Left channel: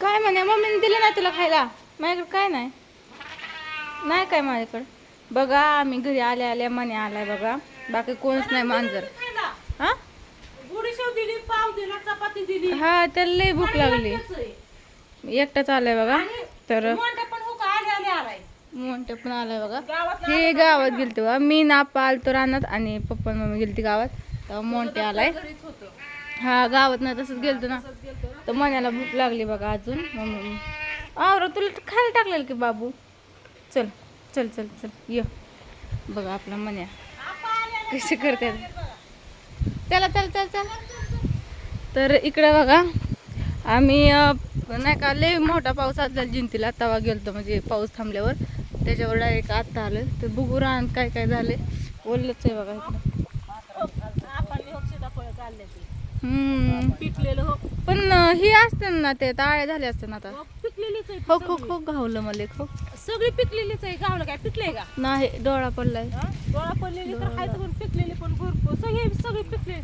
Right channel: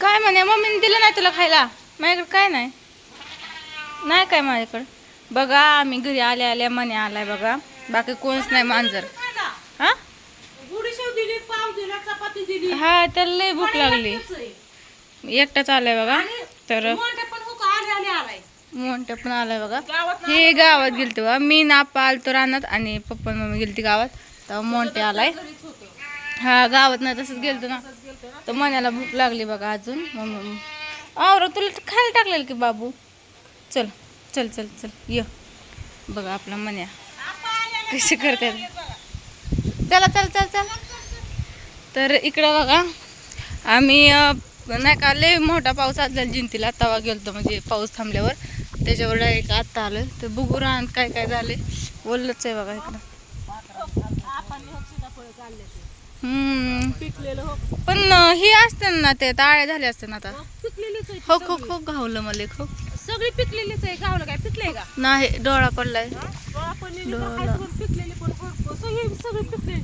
काय म्हणे मम्मीने दिलं नाही तुला खायला? माझ्याकडे काय नाही. नाही काय माझ्याकडं? बघा आम्ही घरी आल्या आल्या मने आलाय बघा. बाकी कोणच नाही मांजर. हा? गुडीशेव दिली पाव दिला चपाती दिली. हा त्याला लई भूक लागली. एकटाच आलाय बघा. तर मोठा पण हो आलाय. पण आलाय बघा. हे गावात गेलते बघा. मी नापा आलतो रानात आणि पप्पा मम्मी गेलती गावात. तेव्हा मोठे आलाय. हा गावात नाही तसंच गेलतो ना. तर मण्याला भूक लागली बघा अजून. आवर तुला तर खायला टाकलेलं की बाबू. चल चल चल चल ये. बघा आपला मन्या कशी करतात चला चल चल चल. तर इकडं बघा आम्ही नाही का लय मोठा पाऊस आला जिंतीला. तवा गेलतो म्हणजे पाऊस थांबल्यावर. त्याच्यावर डायरेक्ट आत्ता आलं तर बघू राहण काय काय झाले बोललंच आहे बघा इकडं आपण हो सीताफळ चालले ते हम्म पिकलेलं हो. पण हे असते ना ते ताळे झाले असते ना आता. हो, पिकलेलीच आहे हो खो खो घावलं मला खो सगळी पिकलेलीच आहे गावलं काय? पिकले का? नाही डोळा पडलाय. डोळा पडलेली पण खायचं पण पिकलेली पण भरपूर सगळी सगळी पिकले.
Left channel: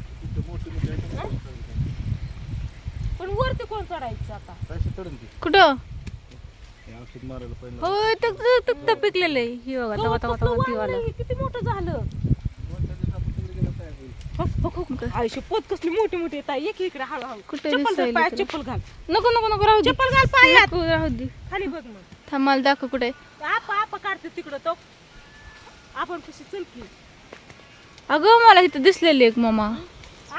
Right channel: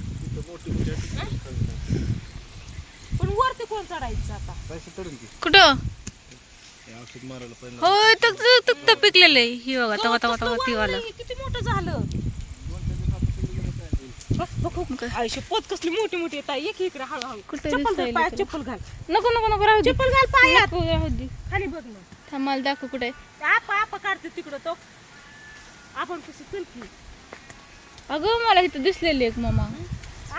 पण वरती कोण चढायचं आता? कुठं? हो तक तक तक पिकलेलं आहे. ही बघा तवा तवा तवा ती वाला. किती मोठं झालं? आयुष्य पोत कसली मोठी मोठी एक इकडे हळूहळू कुठे चप्पल घाल दिसायला पायात इकडे? चप्पल घाल. नको नको नको राहू दे. चप्पल घाल पायात नको, राहू दे. खाली बघ मग. थांब मला दाखव कुठे आपा आपा काढते तिकडं तो. आपण कशी चलकी. अगं मला इथं दिसलेली एक मामा.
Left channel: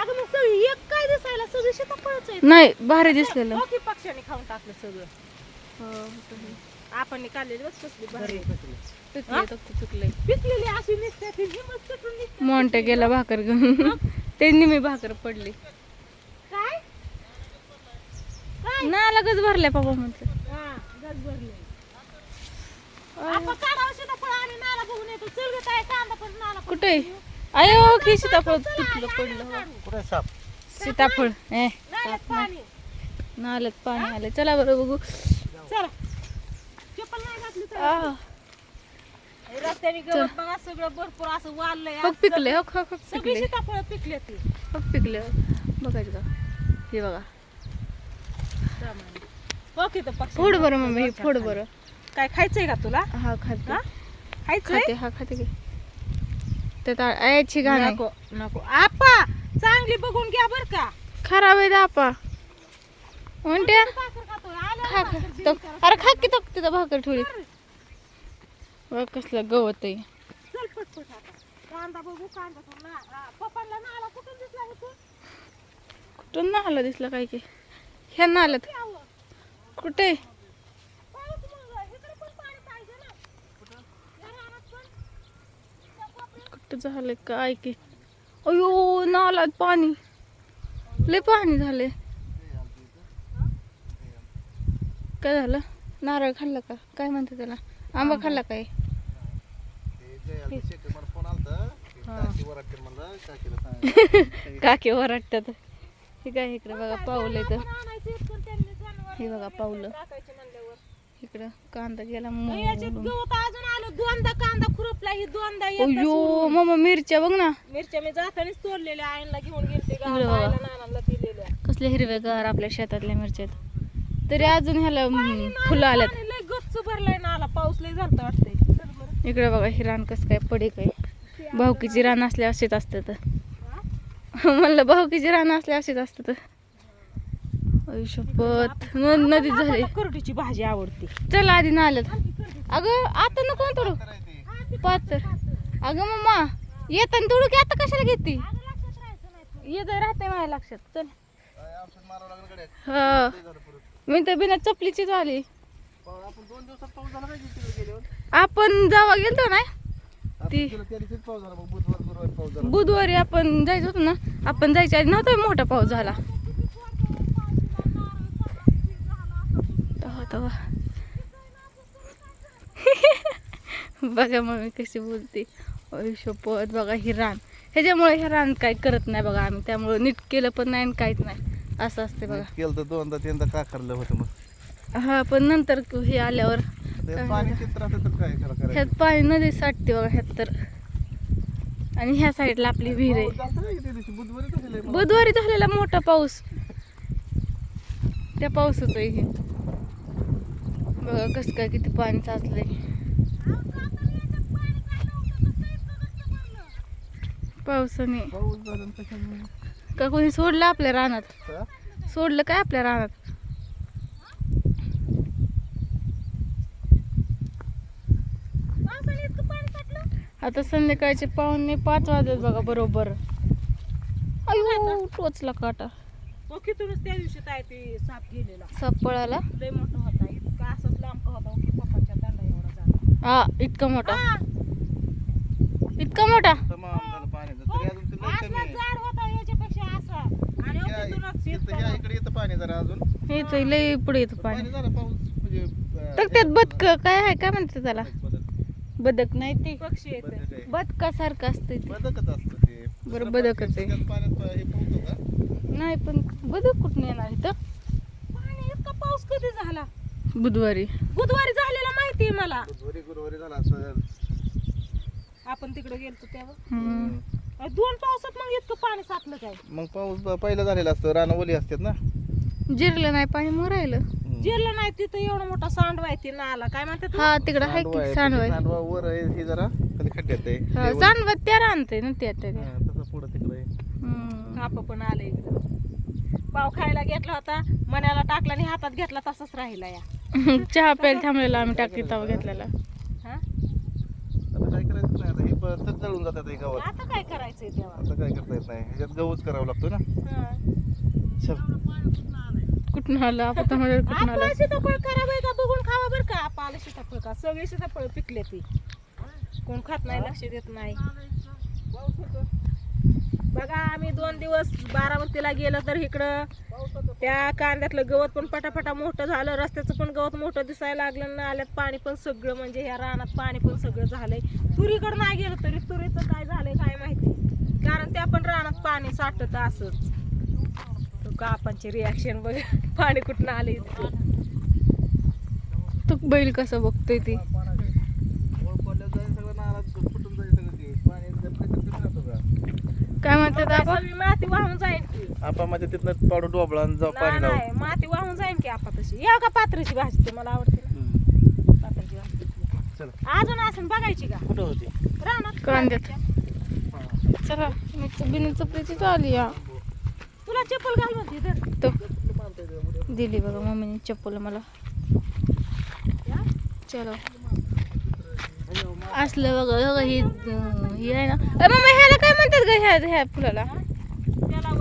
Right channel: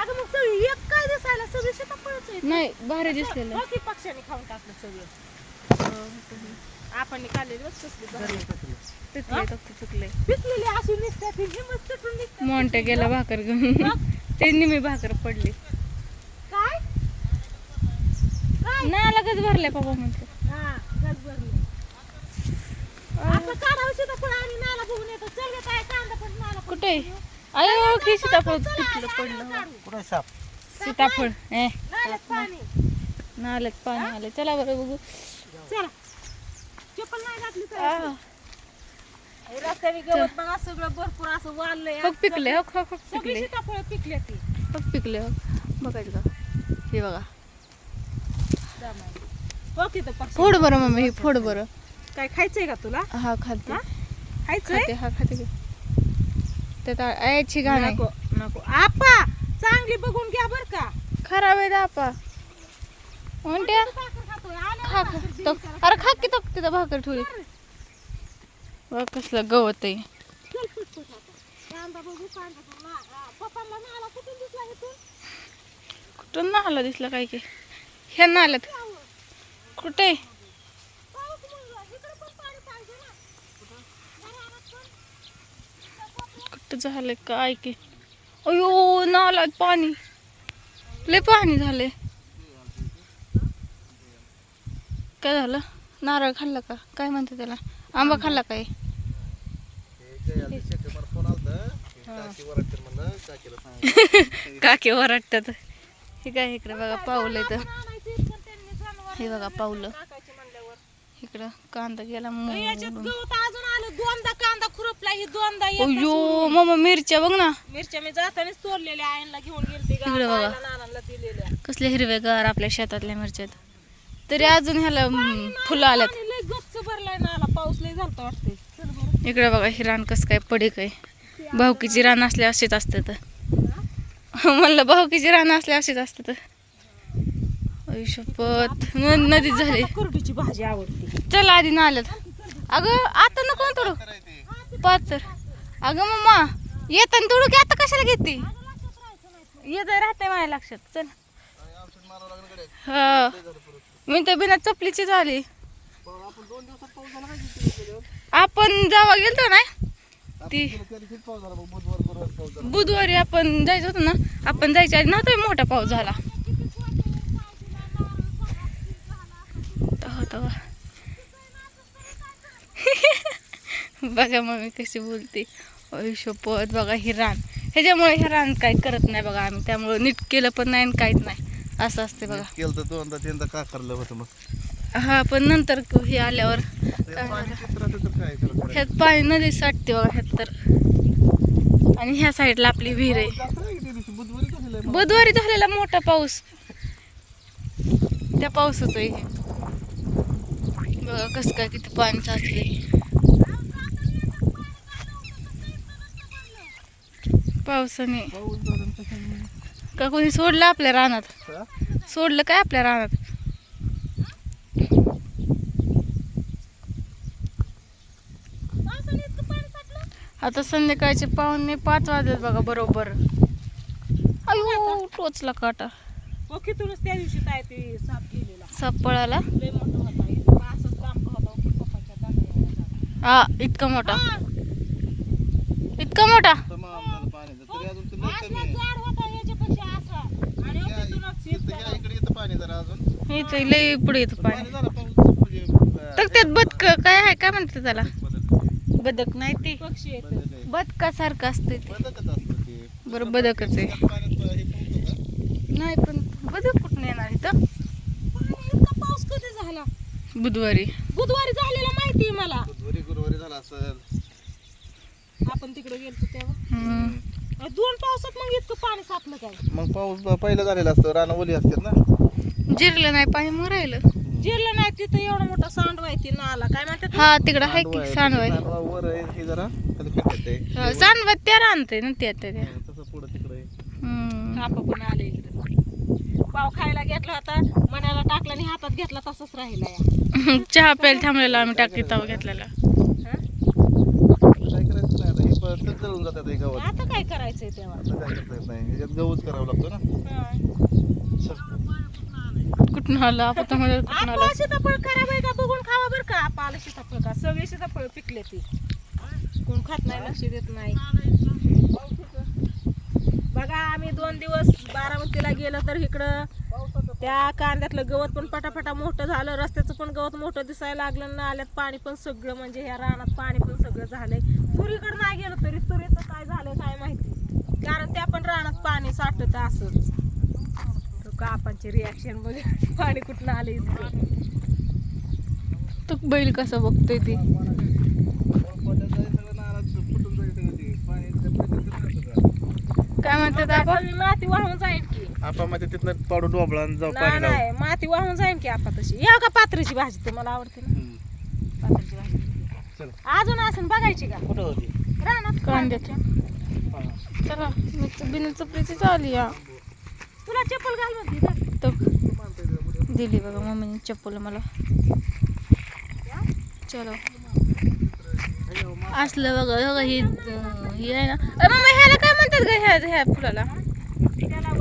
अगं मग सगळी एक काय दिसायला? सगळी आहे नाही भारी दिसलेलं. पक्षाने खाऊन टाकलं सगळं. आपण पिकलेली अशी निघतात ती तुटून मोंटे गेला भाकर घेऊन. ते निमी भाकर पडली. काय? काय? ना लगच भरले पप्पा म्हणते. हा गज भरले आपण काढावं सीताफळ आणि नाला बघून येतो. चल गे काय कांदा पण नाला पण कुठे? अयो की सीताफळ पिकलं पडलं कुठे साप? सीताफळ ए. नाल्यात पाणी. आलं चला बरं बघू चला चप्पल नाही घातली तर आ, रस्त्याने गवत बघा सगळं भरपूर असं वाढलंय बघ पिकले हो खो खो सगळी पिकले सीताफळ पिकले ती. बघ पिकले हो. बघायचं का हे बघा. मग. तिथं पक्षी फोड बरं मम्मी हे फोड बरं. काय खायचंय का तुला? हा खाते. हा? खायचंय? खाते हा खाते की. त्यात आयची घाण आहे. नको नको. आपा चांगली बघून घ्या बर का. खराब आहे दापा म्हणते खा खा. तो अरे खा की तो तिथं भाकर ठेवली. बघ कसलं गवत आहे. कुठून ना नाला दिसला दिसलं काय की? ह्या नाल्यात. कुठे? कुठं झालं काय की? अयो नालात पाणी. लय पाणी झाले काय झालं? नारळ खाल्ला का? काय म्हणते त्याला? आंबा खाल्ला काय? काके वरटतात हे काय इकडे बघा पाऊलं इथं. आणायची पण त्यांनी जनावरं हे बघा म्हणल्यावर. इकडं कांदा गेला आलं. दोनदा कांदा खुरपला ही दोनदा अयो सोडून. मामा मिरच्या बघ ना. मिरच्या मी जातानाच तोडलेल्या आईला घेऊन गेलते इकडे बघा. नानाला दिलेल्या. कसले हिरवेगार आपल्या शेतातल्या मिरच्यात तरी अजून ह्याला फुलं आल्यात. गच्च भरलाय नाला. पाऊस लय झालता वाटतंय. इकडे बघा ही रान कसं काय पडीक आहे. भावकीची रान असले असेच असतात म्हणलं भावकीची रान असले असेच असतात शपथ न- नदीत झाले. करडीची भाजी आवडते. चल आधी ना आल्यात. अगं आता नको तोडू. पाच तर अगं मम्मा येताना तोडू की आता कशाला घेते? येत राहते माझ्या लक्षात. चल. हा. मी तर बिना चपलीची झाली आपण जेव्हा गेलतो ना? ती बुधवारी आपण जायचं होतं ना? आपण जायच्या आधी नव्हता मोठा पाऊस झाला. बघा मम्मी कशी बोलते. शपथ बघा ही रान. ह्याच्यामुळे हे रान काय करत नाही बघा आम्ही. त्यामुळे नीट केलं पण नाही आणि काहीच नाही. असं असते बघा. केलं तर दोनदा तीनदा का करलं होतं मग. हा पण नंतर हे आल्यावर काय ह्यात पाणी नदी साठते बघा ह्यात तर. आणि ह्या साईडला आपली विहीर आहे. बुधवारी झालेला मोठा पाऊस. त्या पावसाचं हे. बघा कसं काय किती पाणी साचले पावसाने. का कोणी सोडलं आपल्या रानात? सोडलं काय आपल्या रानात पावसाने इतकं पाणी साठलं आता संध्याकाळचे पाहुणे पाच वाजत बघा बरोबर. अयो टोचला काटा. त्या दिवशी काय ते साप गेलेला. साप पळाला? लय मोठा होता. इतका असंच लांब होता? की पप्पाच्या दांडा एवढा झाला. हा इतका मोठा. इतका मोठा? अजून ते लय कमी असला आहे. जाड होता याच्यापेक्षा असा आणि हो या- तिथूनच इथं या इतका इकडे येतं पाणी जरा अजून? इथं लय पुढे येतं पाणी. पाणी झालं पाऊस म्हणजे अं, तर त्यात बदक काय आहे? काय म्हणतात त्याला? बदक बदक नाही ते. पक्षी येत बदक आहे. बदकासारखं असतं ते. बदकच असतं ते. बरं बदकच आहे. पाण्यात हे का? नाही पण बदक कुठून येणार इथं? पाणी इतका पाऊस कधी झाला? बुधवारी. बुधवारी झालेला माहितीये मला. बुधवारी गुरुवारी झाला असं. आपण तिकडे गेलतो तेव्हा. हम्म. अ, दोन पावसात मग इतकं पाणी साचलं काय? मग पाऊस ब- पहिला झालेला असतो. रानं ओली असतात ना? जिरलं नाही पाणी मग राहिलं. जिरलं नाही तिथं एवढा मोठा सांडवा आहे ती नाला काय म्हणतात हा तिकडं आहे सांडवा की आहे, सांडवाय सांडवा वर आहे हे जरा खाली खड्ड्यात आहे सांडवा त्या राहते ना त्या त्या त्या. हा, तसं पुढं तिकडं आहे. हम्म. काप पण आले पाव खायला घेतला होता मनाला टाकला आणि हातात घेतला तसाच राहिला या. चहा प्यायला थांबलेला आम्ही टाकी तवा घेतलेला. हा? आता काय करायचं नाही आता हे परत जळून जातात हे गावात. आता काय करायचंय तेव्हा? आता काय करता येत नाही ह्याच्यात गहूच करावा लागतो ना. हा. चल. कुठून आलं आपण मध्ये कुठून आलं? सीताफळ खराब आहे का? बघून खावा बरं का. आप आलं सीताफळ का? सगळे सीताफळ पिकले ती. कोण खात नाही लक्ष देत नाही. बघा आम्ही दोन दिवस बारामतीला गेलो तर इकडं त्या कांद्यातलं गवत पण पटापटा मोठं झालं. रस्त्याचं पण गवत मोठं दिसायला लागलं ना आल्यात पाणी पण सगळं म्हणजे ह्या रानात पाणी पण सगळं झालंय. तुरीकडे नाही गेलो तरी तुरीचं काय झालंय काय माहिती. कारण त्या पण रानात पाणी साठत असंच. तर कापांची रिॲक्शन बघ. पाणी कुठं आलं इतकं. तू बैल कसं बघतोय ती? काय म्हणतात आपण? माती वाहून जाईल की. मध्ये तिथनं पाडून डोबळा आणि जाऊ नाही पाणी लावू नाही, माती वाहून जाईल की आपण तशी. या का पात्रीची भाजी तुम्हाला आवडते ना. हम्म. पात्रीची भाजी. चल. अजून असून बघायची का? कुठं होती? रानात. कांद्यात. हा. चला मी बिना चपलीची चालली या. तुला चप्पल घाल म्हणते. तो दिली बघा मम्मीने चप्पल मला. चलो असलं बघा बघा ही ही आहे ना मम्मी ह्याला काय म्हणतात ग ह्या ह्या फुलाला त्याला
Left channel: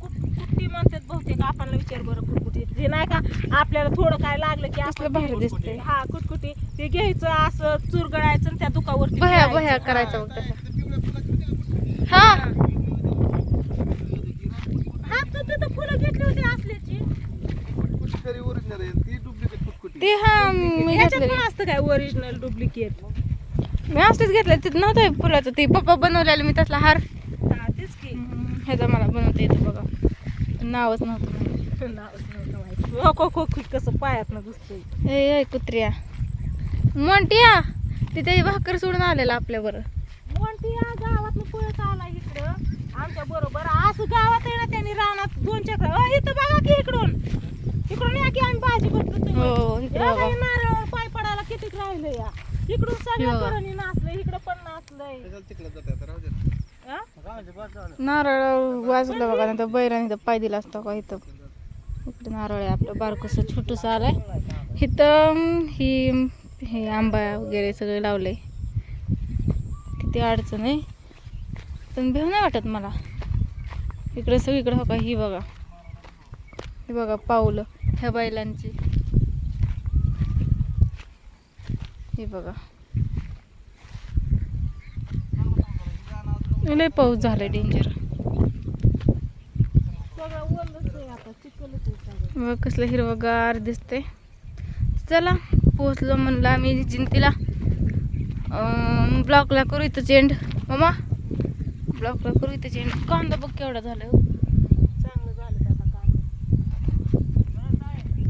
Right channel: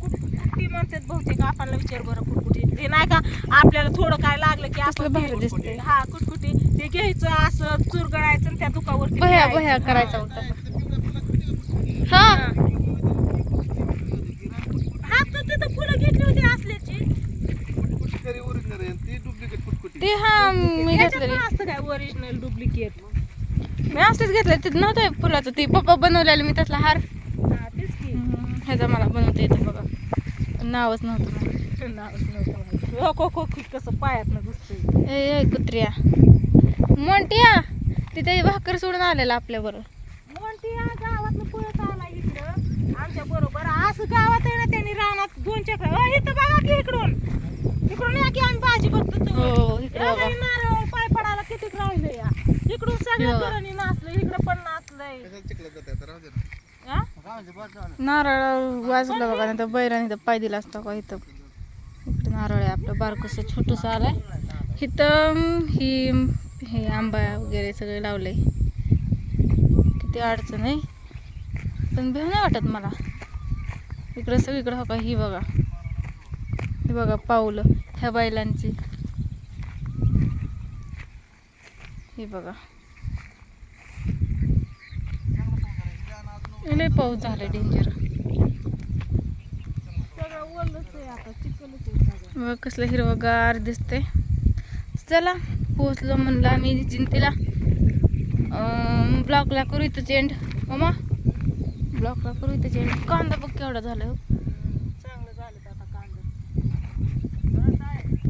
कुट्टी म्हणतात बहुतेक आपल्याला विचार बरं कुटकुटी ते नाही का आपल्याला थोडं काय लागलं की आपण भारी ते- दिसतंय. हा कुटकुटी ते घ्यायचं असं चुरगळायचं त्या फिरायचं. बह्या हा. करायचा तसा हा हा तर तिथं फुलं घेतली होती असल्याची कुठकुटी खरी ओरिजिनल आहे ती डुप्लिकेट कुटकुटी ती हा मी घेतलेली पण असतं काय ओरिजिनल डुप्लिकेट मी असंच घेतलं तिथं नव्हतं फुलाचं ती पप्पा बनवलेलं मी तसला हार. हा तेच की. ह्याचा मला बनवता येतं बघा. नावच नव्हतं मला. नावच. हो हो हो कसं पायात घुसतोय. ए ए कुत्र्या. मोंटिया तिथे भाकर सोडून आलेला आपल्यावर. म्हणते या गावात पळत आला इकडं. आमच्या बरोबर असं गावात आहे ना त्यांनी रानात दोन चक्र अ, इथं बघा की इकडून. इकडून या की आम्ही भाजी बघतो हो इकडे बघा. नारळ पाय पडायला किती राहिलं या. इकडून सगळं बघा. तरुणी नाचलं इकडं पण नाचलंय. हा? नारळ वाजलं बघा नाही तर बैराने तर पाय दिला असता का इथं? इकडे नारळ आहे आपलं बारकस छोटंसं आलंय. इथं ही हे आंबा वगैरे सगळे लावलंय. किती अडचण आहे? पण भीव नाही वाटत मला. इकडं सगळीकडं हो का ही बघा. हे बघा पाऊलं ह्या बैलांची. हे बघा. लय पाऊस झाला डेंजर आहे बघ कसलं हिरवगार दिसते चला पोहोचलो म्हणलं आम्ही जिंतीला. ब्लॉकला करू इथं एंड मामा? ब्लॉकला करू इथं चेंड कांदा बघ केवढा झाला हो. चांगलं झालं ते आता कांदा?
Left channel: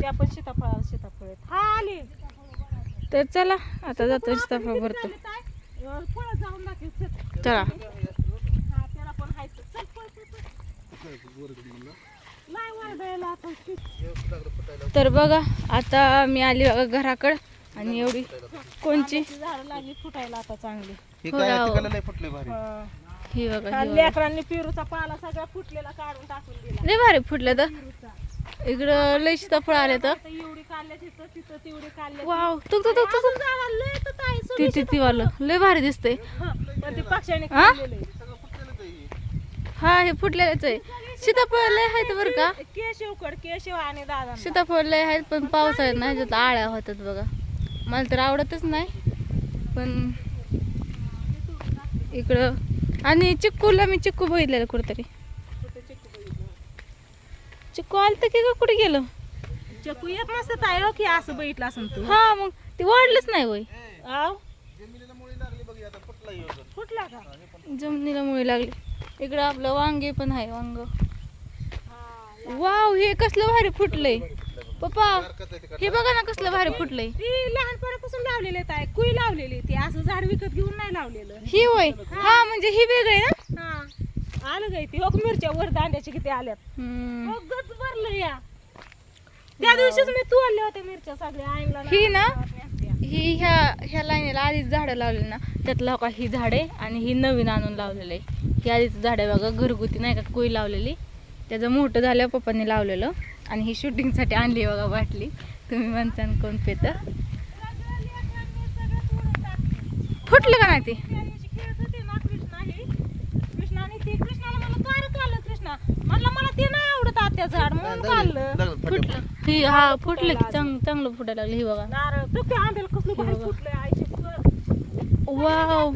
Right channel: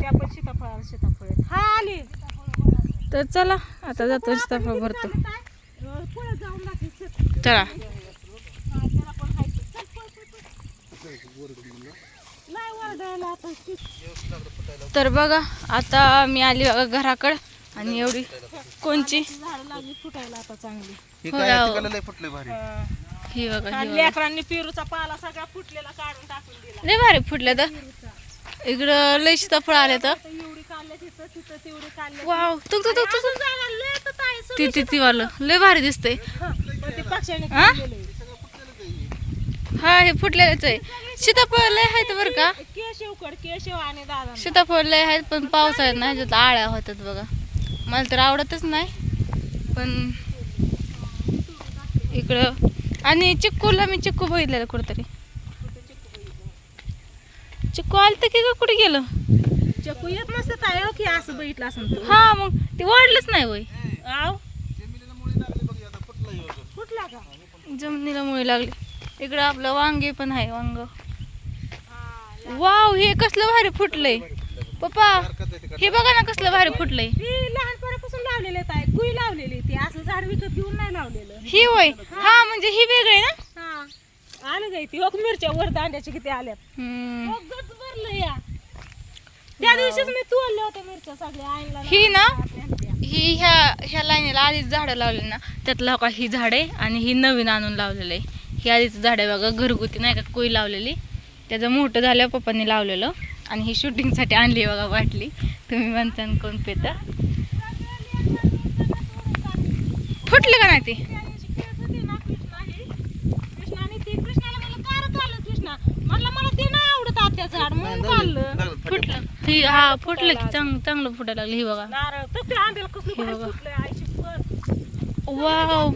त्या पण सीताफळ सीताफळ आहेत. हा आली. तर चला आता जातो सीताफळ भरतो. पुढे जाऊन दाखव चल. हा, तर बघा आता मी आली बघा घराकडं. आणि एवढी कोणची? झाड लागली फुटायला आता चांगली. हे बघा आणि लेकरांनी पेरूचा पाला सगळा फुटलेला काढून टाकून दिला. लय भारी फुटलं तर. इकडं लय सीताफळ आले तर. आता एवढी काढल्या तिथं तिथं तेवढी काढल्या वाव तुक तुक तुक तुक जागा लय तर ताई सगळं. ती ती ती वालं. लय भारी दिसतंय. हं. पण ती पक्ष्याने हा? खाल्लेलं आहे. हा हे फुटलेलंच आहे. सीताफळ लय आहेत बरं का? केशवकड केशव आणि दादा सीताफळ लय आहेत पण पावसाळ्यात नाही ह्याच्यात आळ्या होतात बघा. मला तर आवडतच नाही पण इकडं आणि चिक्कूला मी चिक्कू बघितलेलं कुठेतरी. चिक्कू आलं तर की का कुठे गेलं? चकू येत नसतं ताई हो की असं बघितलं असं तू हा मग ते वाढलंच नाही वय. जमिनीला मुळी लागली बघ आता फुटला ह्यो बघ. फुटला का? जमिनीला मुळे लागली. इकडं आपलं वांगे पण आहे वांग. हा, वाव हे कसलं भारी फुटलंय. पप्पा आहे ते हे बघा ना कसलं भारी फुटलंय. ती लहानपणापासून लावलेले आहे कुई लावलेली ती. असं झाड विकत घेऊन नाही लावलेलं. ही वय हा. म्हणजे ही वेगळी ना? हा. आलं जाई ती हो मिरच्या वर दांड्याच्या किती आल्यात. गच भरलं या. त्या दिवशीच मी तोडल्या होत्या मिरच्या सगळ्या आईला ही ना? ही ह्या ह्या लाईनीला आधीच झाडं लावली ना? त्यातलं का ही झाडे आणि ही नवीन आणून लावलेलं आहे. ही आधीच झाड आहे बघा घरगुती नाही का कोई लावलेली. त्याचं मोठं झाल्यावर पप्पांनी लावलेलं. आणि ही शूटिंगसाठी आणली बघा वाटली तुम्ही म्हणता कोण पेत. फुटलं का नाही ते? ते कृष्णाला कृष्णा म्हटलं मला ते नाही आवडत झाड म्हणून फुटलं. हा फुटलं की चांग चांगलं फुटायला लागलं. ही बघा. नारळ हे बघा. वाव.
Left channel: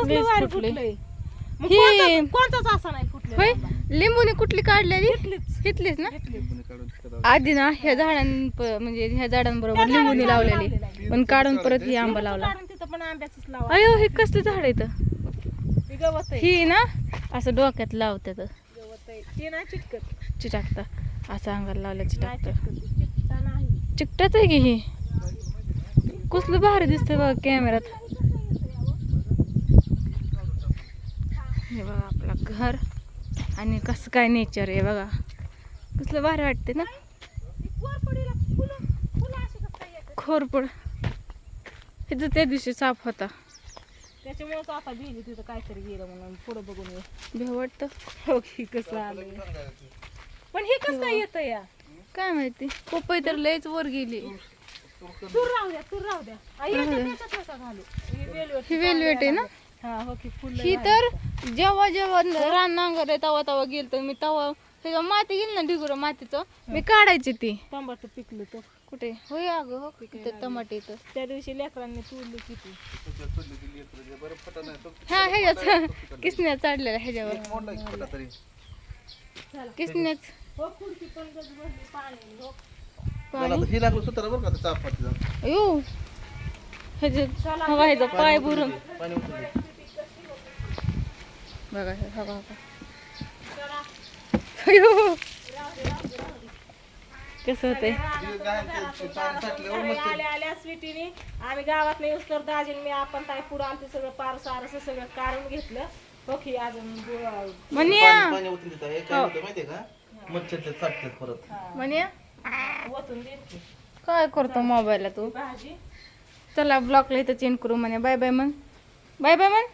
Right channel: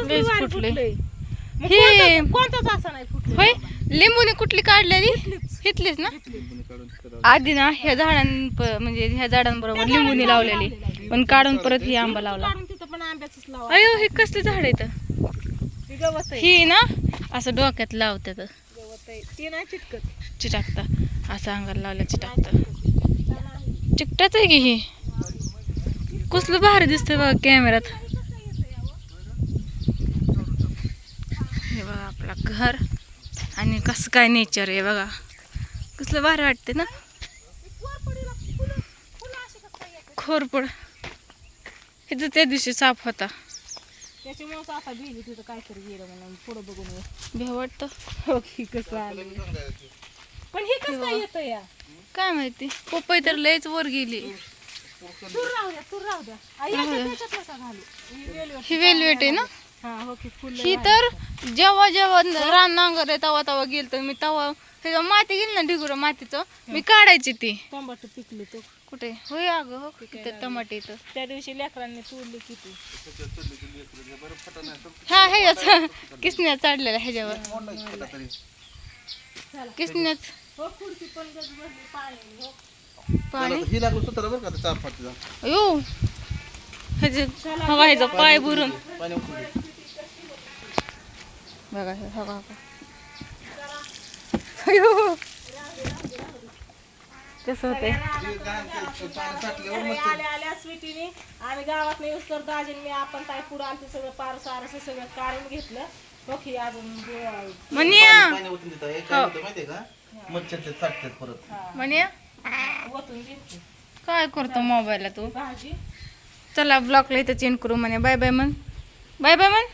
फुटलंय. मग हे- कोणतंच- कोणतंच असं नाही फुटलं. होय? लिंबूने कुठली काढलेली? घेतलीच. ना. आधी ना ह्या झाडां म्हणजे ह्या झाडांबरोबर लिंबूने लावलेली. पण काढून परत ही आंबा लावला. काढून तिथं पण आंब्याचंच लावा. अयो हे कसलं झाड आहे तर आहे. ही ना असं डोक्यात लावतात. गवत आहे. ती नाही चिटकत. असं अंगाला लावलं चिटाकता. चिकटाच आहे की ही? कसलं भारी दिसतंय बघा कॅमेऱ्यात हे बघा आपला घर आणि कसं काय नेचर आहे बघा. कसलं भारी वाटते ना? काय? खोरपड. इथं त्या दिवशी साप होता. आता गेली तिथं काहीतरी गेलं म्हणून पुढं बघून हो कसं आलं पण हे कसं येतं या? काय माहिती? पपई तर लयच वर गेली. तूर तूर. ही वेलवेट आहे ना? हा हो की फुलं ही तर जेव्हा जेव्हा रान नांगर आहे तवा तवा गेल तर मी तवा त्याच्या माती गेली ना ढिगुर मातीचं मी काढायची ती. टमाटर पिकले तर? कुठे? होय अगं हो टमाटे इथं. त्या दिवशी लेकरांनी तोडली किती हा ह्याच्यात किसण्या चढलेल्या ह्याच्यावर. तरी. किसण्याच हो पण गज भरली पाणी बघा हे हवा हवा अयो. कसं होतंय? आल्या स्वीटीने आम्ही गावात नाही तर दाजीन मी आपण ताई पुढं आमचं सगळं पार सारस सगळं काढून घेतलं ओके अजून गो- म्हणया काय म्हणया काय करतो मोबाईलला तू? चला ब्लॉकला इथं चेंज करू म्हणे बाय बाय म्हण बाय बाय म्हण